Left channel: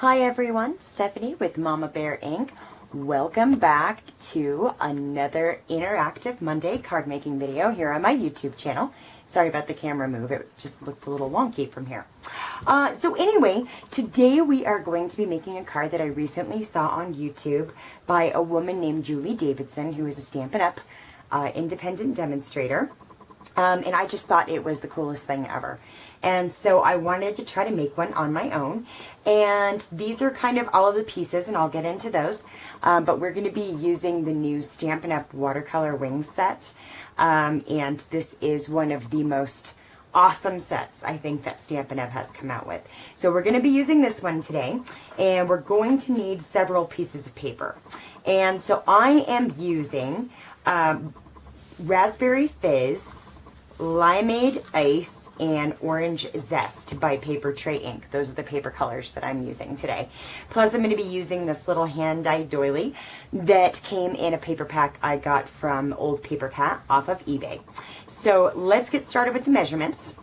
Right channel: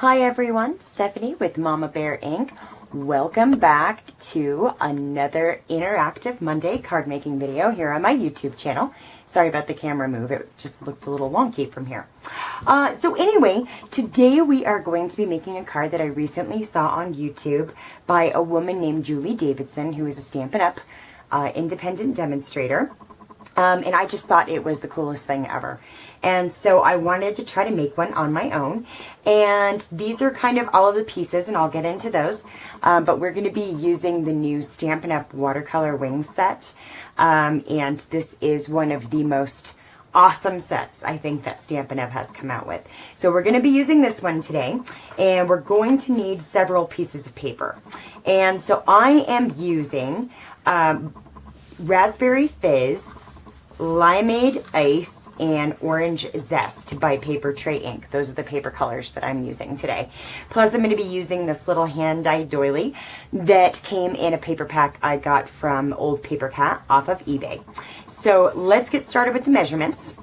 Hi everyone, Stephanie with Mama Bear Ink. Welcome back to another interactive Monday card making video here on my YouTube channel. Sorry about the camera move, it just looked a little wonky from here. So anyway, today we are going to be making a card that I recently saw on YouTube by a woman named Julie Davidson, who is a Stampin' Up! Independent demonstrator. And I just thought it was the coolest thing ever. And so I wanted to try to make one on my own. And these are kind of all of the pieces, and I'll get into those. But we're going to be using the new Stampin' Up! Watercolor Wings set. And this is one of the most awesome sets I think that Stampin' Up! Has come out with. So we're going to be using this one today. And we're going to need several pieces of paper. And so I am using Raspberry Fizz, Limeade Ice, and Orange Zest by Papertrey Ink. Those are the paper colors that I'm using today. Plus I'm going to be using this little hand-dyed doily that came in a paper pack I got from Old Paper Cat off of eBay. So let's get started with the measurements.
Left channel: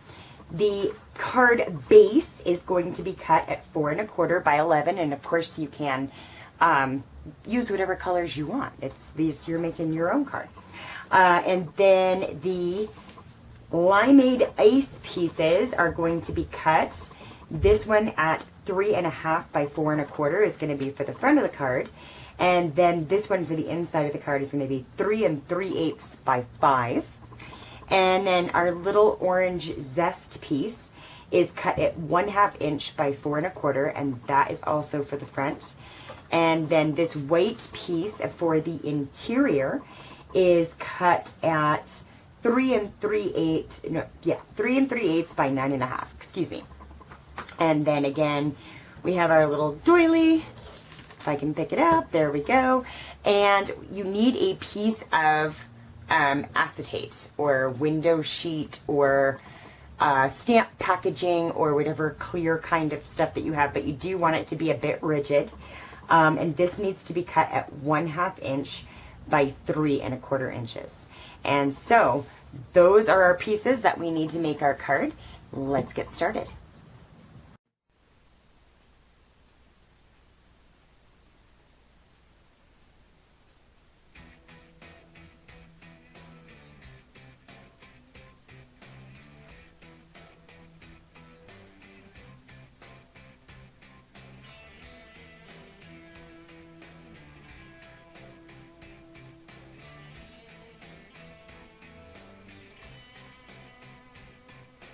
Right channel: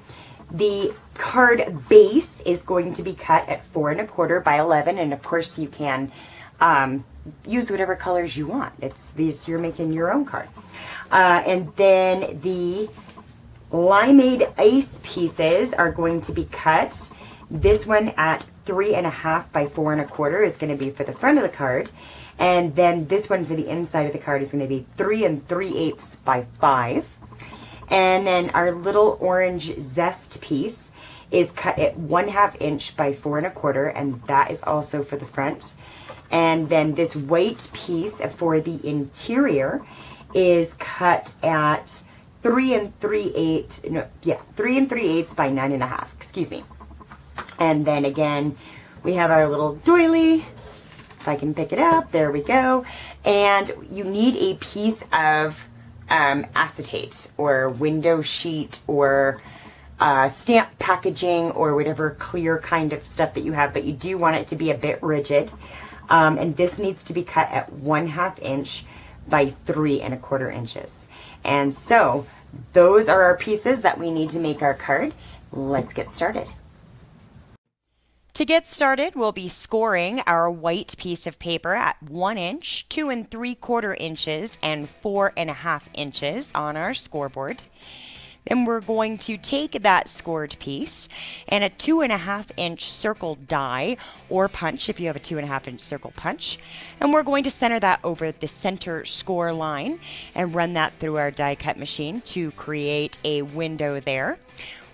The card base is going to be cut at 4 1/4 by 11, and of course you can use whatever colors you want. It's these, you're making your own card. And then the Limeade Ice pieces are going to be cut. This one at 3 1/2 by 4 1/4 is going to be for the front of the card. And then this one for the inside of the card is going to be 3 3/8 by 5. And then our little Orange Zest piece is cut at 1/2 inch by 4 1/4, and that is also for the front. And then this white piece for the interior is cut at 3 3/8 by 9 1/2, excuse me. And then again, we have our little doily. If I can pick it up, there we go. And you need a piece of acetate or window sheet or stamp packaging or whatever clear kind of stuff that you have, but you do want it to be a bit rigid. And this needs to be cut at 1/2 inch by 3 1/4 inches. And so those are our pieces that we need to make our card. Let's get started. To get started, we'll be scoring our white piece of paper at 1 inch, 2 3/4 inches, and 4 1/2 inches on our scoreboard. Then we're going to take that scored piece and a 2 1/2 inch circle die or punch if you have a 2 1/2 inch circle punch. And we're going to center that over the center score line and run that through our die cut machine to create a window there.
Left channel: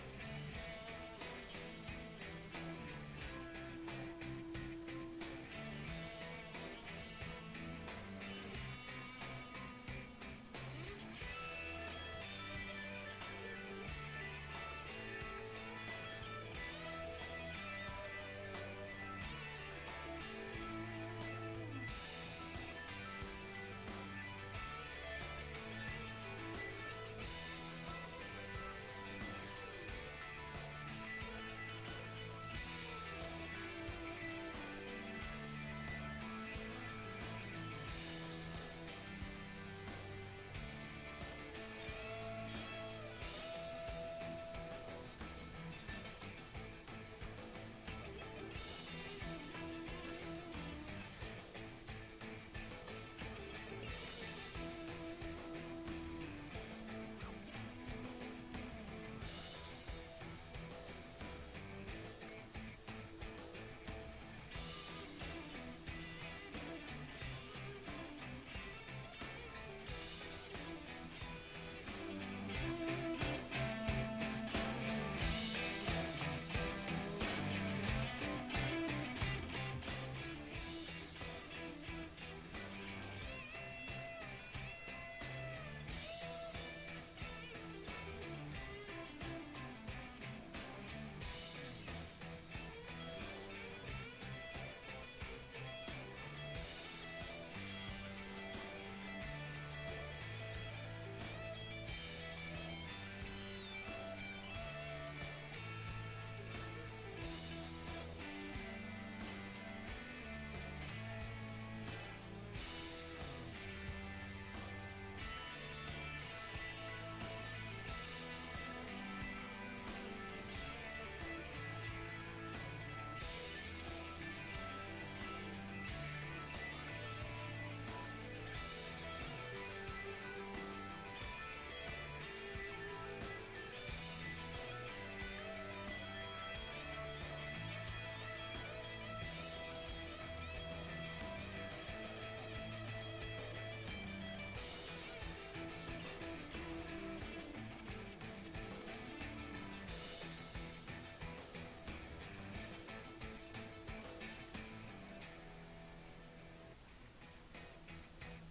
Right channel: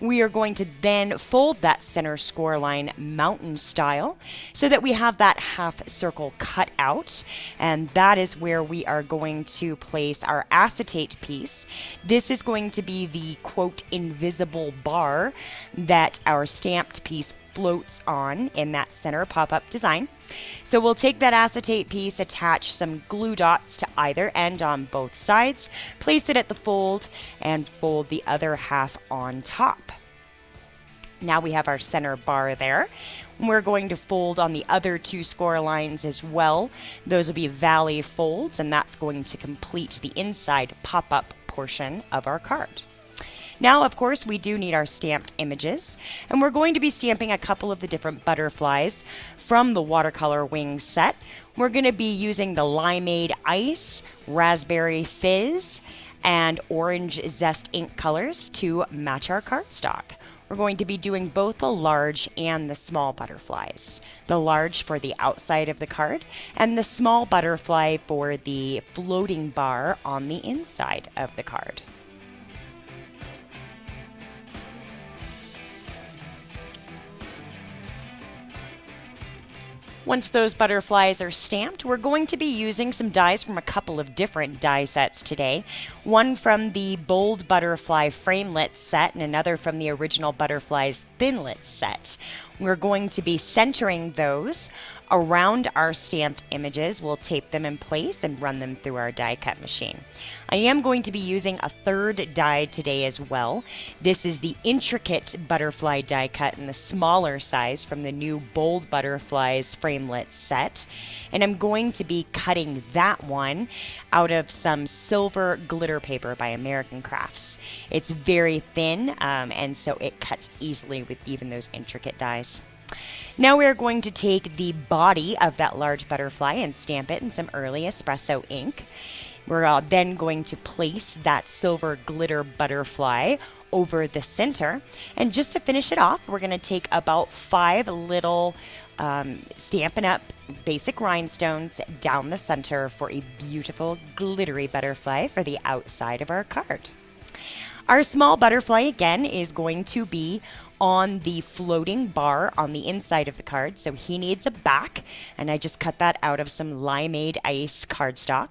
We are going to then fold that center score line mountain style so that we have that half circle cut out, and that is where we are going to place our acetate piece. This is going to be the quote invisible bar that our stamped piece floats on in that center pop-up design. So we'll take that acetate piece, attach some glue dots to either end on both sides, place it at the fold, and fold the other half on top. Now we have our center bar there. We're going to fold on the other two score lines as well. Those will be valley folds, and that's going to complete the inside pop-up portion of our card. Now, of course, we do need our stamped images, and we're going to be stamping a couple of the different butterflies from the Watercolor Wings set. We're going to be using the Limeade Ice, Raspberry Fizz, and Orange Zest ink colors to match our cardstock. We're going to be doing both the large and the small butterflies. The large for the outside of the card, and the small butterfly for the floating bar on the inside of the card. Once those butterflies are stamped, we're going to be using some dies from a couple of different die sets today. One from the Bold Butterfly Framelits set and another from the Original Butterflies Thinlits set. We're going to be centering those around our stamped images. We'll tape them in place and run them through our die cut machine. I am going to be using a third die today as well. This is the Intricate Butterfly die cut in the smaller size from the new Bold Butterflies Framelits set. And I'm going to be cutting that one out of some silver glitter paper by American Crafts. It's very thin, and so it cuts easily with even those intricate dies. Now we are going to take the body of that large butterfly and stamp it in some early espresso ink. We're then going to place that silver glitter butterfly over the center. And just to finish it off, we're going to take about 5 little Stampin' Up! Basic rhinestones down the center for a beautiful glittery butterfly for the outside of our card. Our small butterfly again is going to be on the floating bar on the inside of the card, so he needs a back, and I just cut that out of some limeade ice cardstock.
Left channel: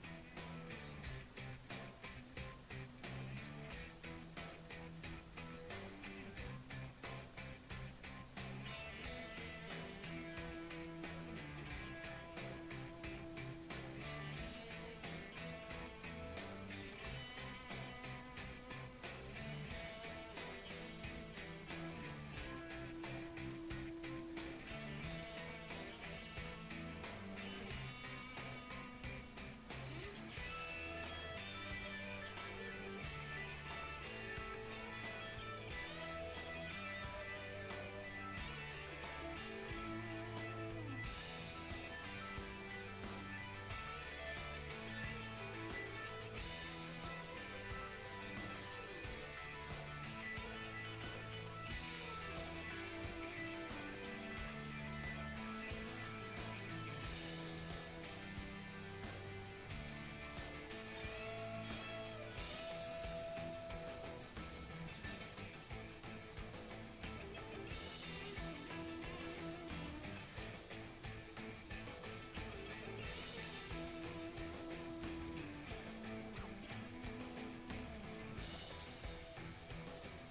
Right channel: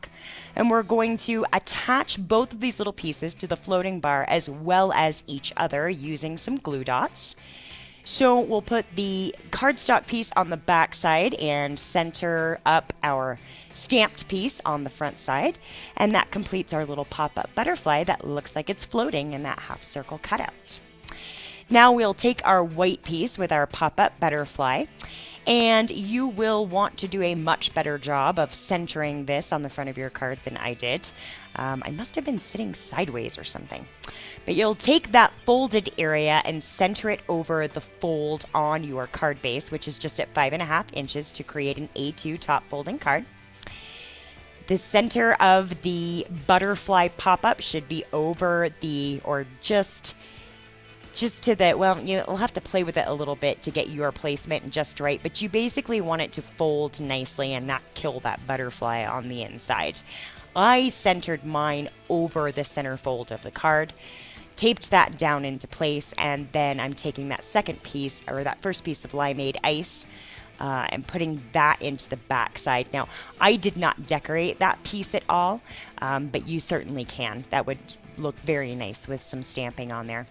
And we're going to attach both of these little pieces to the floating bar as well as each other using some glue dots. So we'll put the cardstock piece on the back side and center up our stamped piece on the front side, and that completes our little pop-up butterfly that looks like it's floating in that half circle cutout. Now we'll take our white piece with our pop-up butterfly, and you will want to do a much better job of centering this on the front of your card than I did. I must have been sitting sideways or something. But you'll take that folded area and center it over the fold on your card base, which is just at 5.5 inches to create an A2 top folding card. The center of the butterfly pop-up should be over the, or just to the, well, you'll have to play with it a little bit to get your placement just right, but you basically want it to fold nicely and not kill that butterfly on the inside. I centered mine over the center fold of the card, taped that down into place, and then I'm taking that second piece, or that first piece of limeade ice, and putting that into the back side. Now, I did not decorate that piece at all, but you certainly can. That would look very nice with some stamping on there.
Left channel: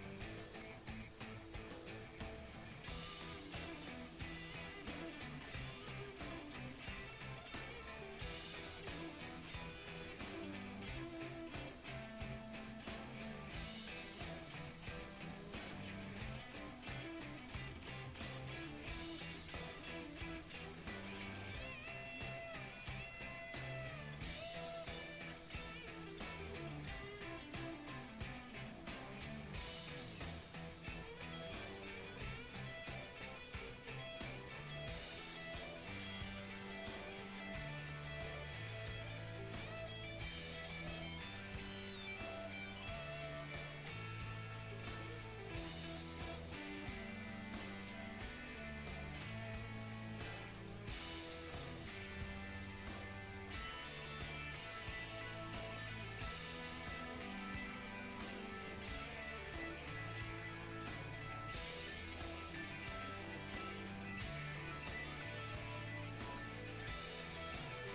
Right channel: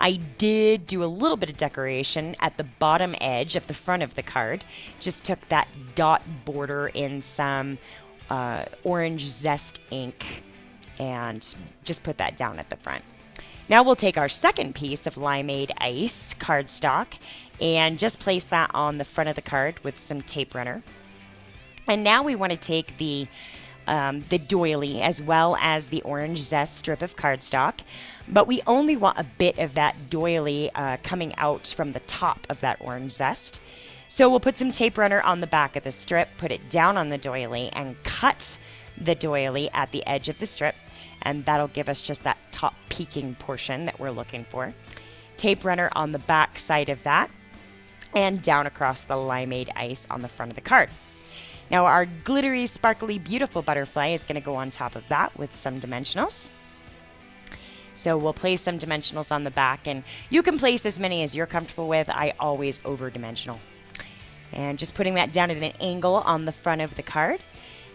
I did do a little bit of decoration at the bottom edge of the front of the card. Just took that dot border in some orange zest ink and just put that down at the front. Now we'll take our second piece of limeade ice cardstock and just place that on the front of the card with some tape runner. And now we want to take the doily as well as the orange zest strip of cardstock, but we only want a bit of that doily coming out from the top of that orange zest. So we'll put some tape runner on the back of the strip, put it down on the doily, and cut the doily at the edge of the strip, and that'll give us just that top peeking portion that we're looking for. Tape runner on the back side of that, and down across the limeade ice on the front of the card. Now our glittery, sparkly, beautiful butterfly is going to go on top of that with some dimensionals. So we'll place some dimensionals on the back, and you can place as many as you're comfortable with. I always over-dimensional. And just putting that down at an angle on the front of the card.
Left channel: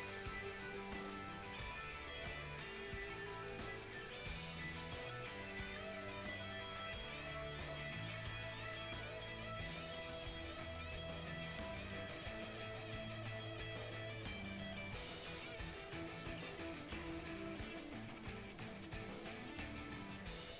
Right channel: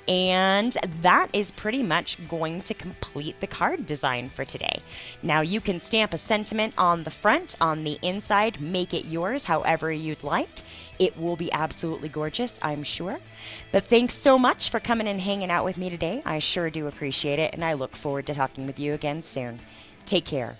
And that is pretty much going to complete the card design for today. Now you can stamp a sentiment on the front, on the inside, make it yours however you'd like. It will be absolutely gorgeous, I'm sure. But thanks so much for coming and hanging out with me today. I sure do appreciate it, and I look forward to talking with you again soon. Take care.